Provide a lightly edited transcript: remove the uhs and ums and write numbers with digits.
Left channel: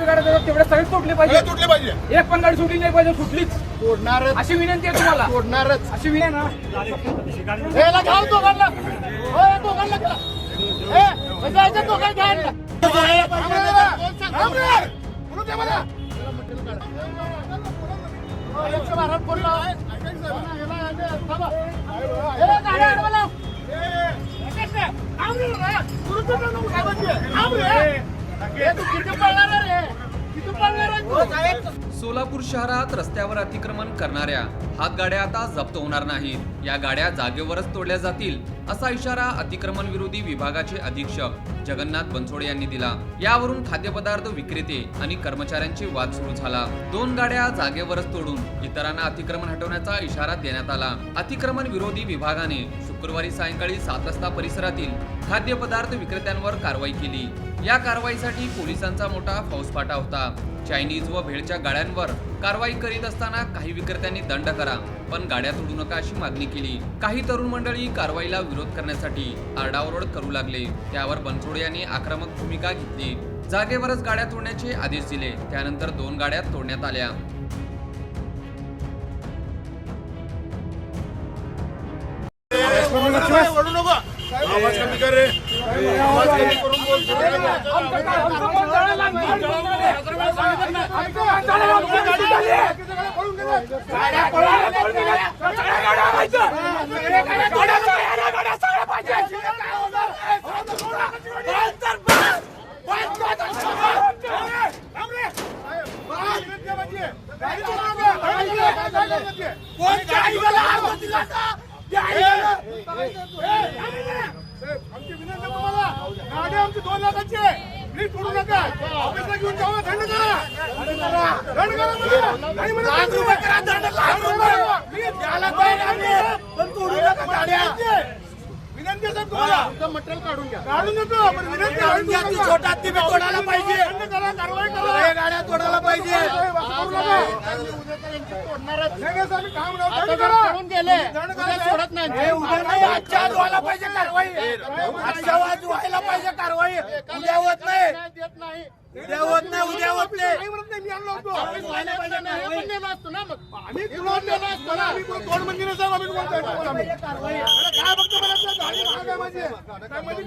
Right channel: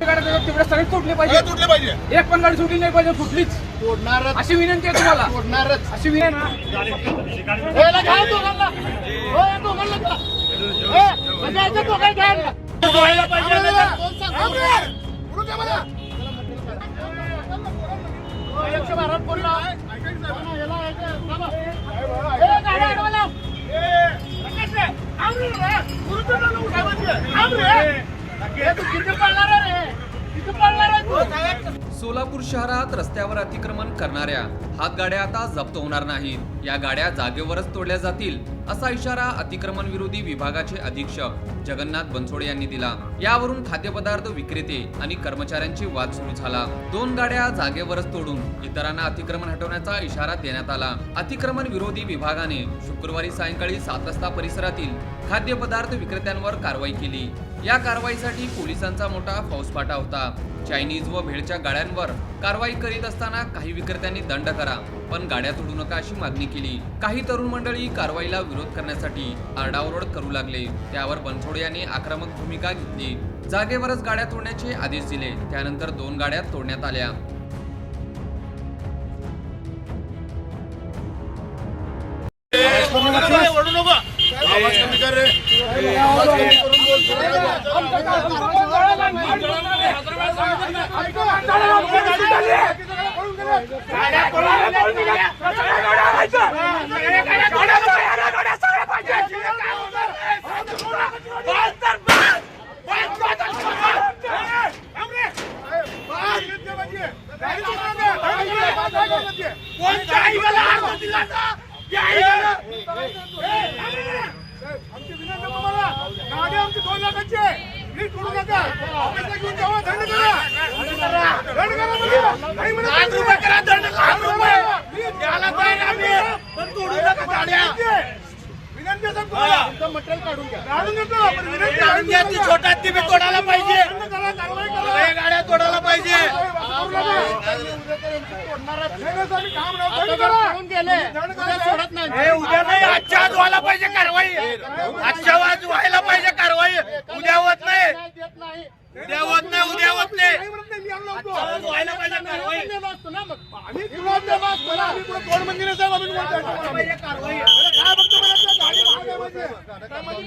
तेवढे सगळे तुटले पाहिजे. एक पण गाडी सुटली नाही पाहिजे. सुटलीच तोडणारच अशी विनंती आहे तुम्हाला. तोडणारच अशी विनंती सोलापूर शहरात रस्त्यावर अतिक्रमण करणाऱ्या हातगाड्या आता जप्त होणार नाहीत. या गाड्या जागेवरच तोडल्या जातील असा इशारा अतिक्रमण विरोधी विभागाचे अधीक्षक जगन्नाथ बनसोडे यांनी दिला. यावरून खाद्यपदार्थ विक्रेते आणि कर्मचाऱ्यांची वाद सुरू झाला. 2 गाड्या जागेवरच तोडून इतरांना अतिक्रमण हटवण्याचा इशारा देण्यात आला. अतिक्रमण विरोधी विभागाने शुक्रवारी सायंकाळी 7 वाजता परिसरातील खाद्यपदार्थ विक्रेत्यांवर कारवाई केली. या कारवाईसाठी पोलिसांचा मोठा फौजफाटा होता. चायनीज व भेळच्या गाड्यांवर कारवाई करीत असताना काही विक्रेत्यांनी दंड करा पण गाड्या तोडू नका अशी मागणी केली. काही तरुण मंडळी कारवाईला विरोध करण्यासाठी आरडाओरड करू लागले. त्यावर बनसोडे यांनी आक्रमक भूमिका घेतली. जागेवरच गाड्या तोडण्याचे आदेश दिले. त्यानंतर 2 गाड्या तोडण्यात आल्या. आमची विनंती तुम्हाला गाडी आमची 2 लाखाची आहे. नीट करू नका. ऑफिसला घेऊन जाऊ. दंड करा. पण तोडू नका गाड्या. विनंती आहे तुम्हाला. तुमचं मटेरियल काढून घ्या. काढून घेतो. पण विनंती आहे छोटा ती तोडायला पाहिजे. कारवाई करा. गाड्या तोडायला पाहिजे. सोडत नाही. आजच्या आज व्हायला पाहिजे कारवाई. आजच्या आज व्हायला पाहिजे कारवाई. उद्या होत नाही. उद्या होत नाही. उद्या होत नाही. व्हायला पाहिजे कारवाई. आम्ही तुला देणार असतो ना. आम्ही कोण 2 मंदिर साहेब आम्ही तुम्हाला कारवाई काय बघतो मला गाडी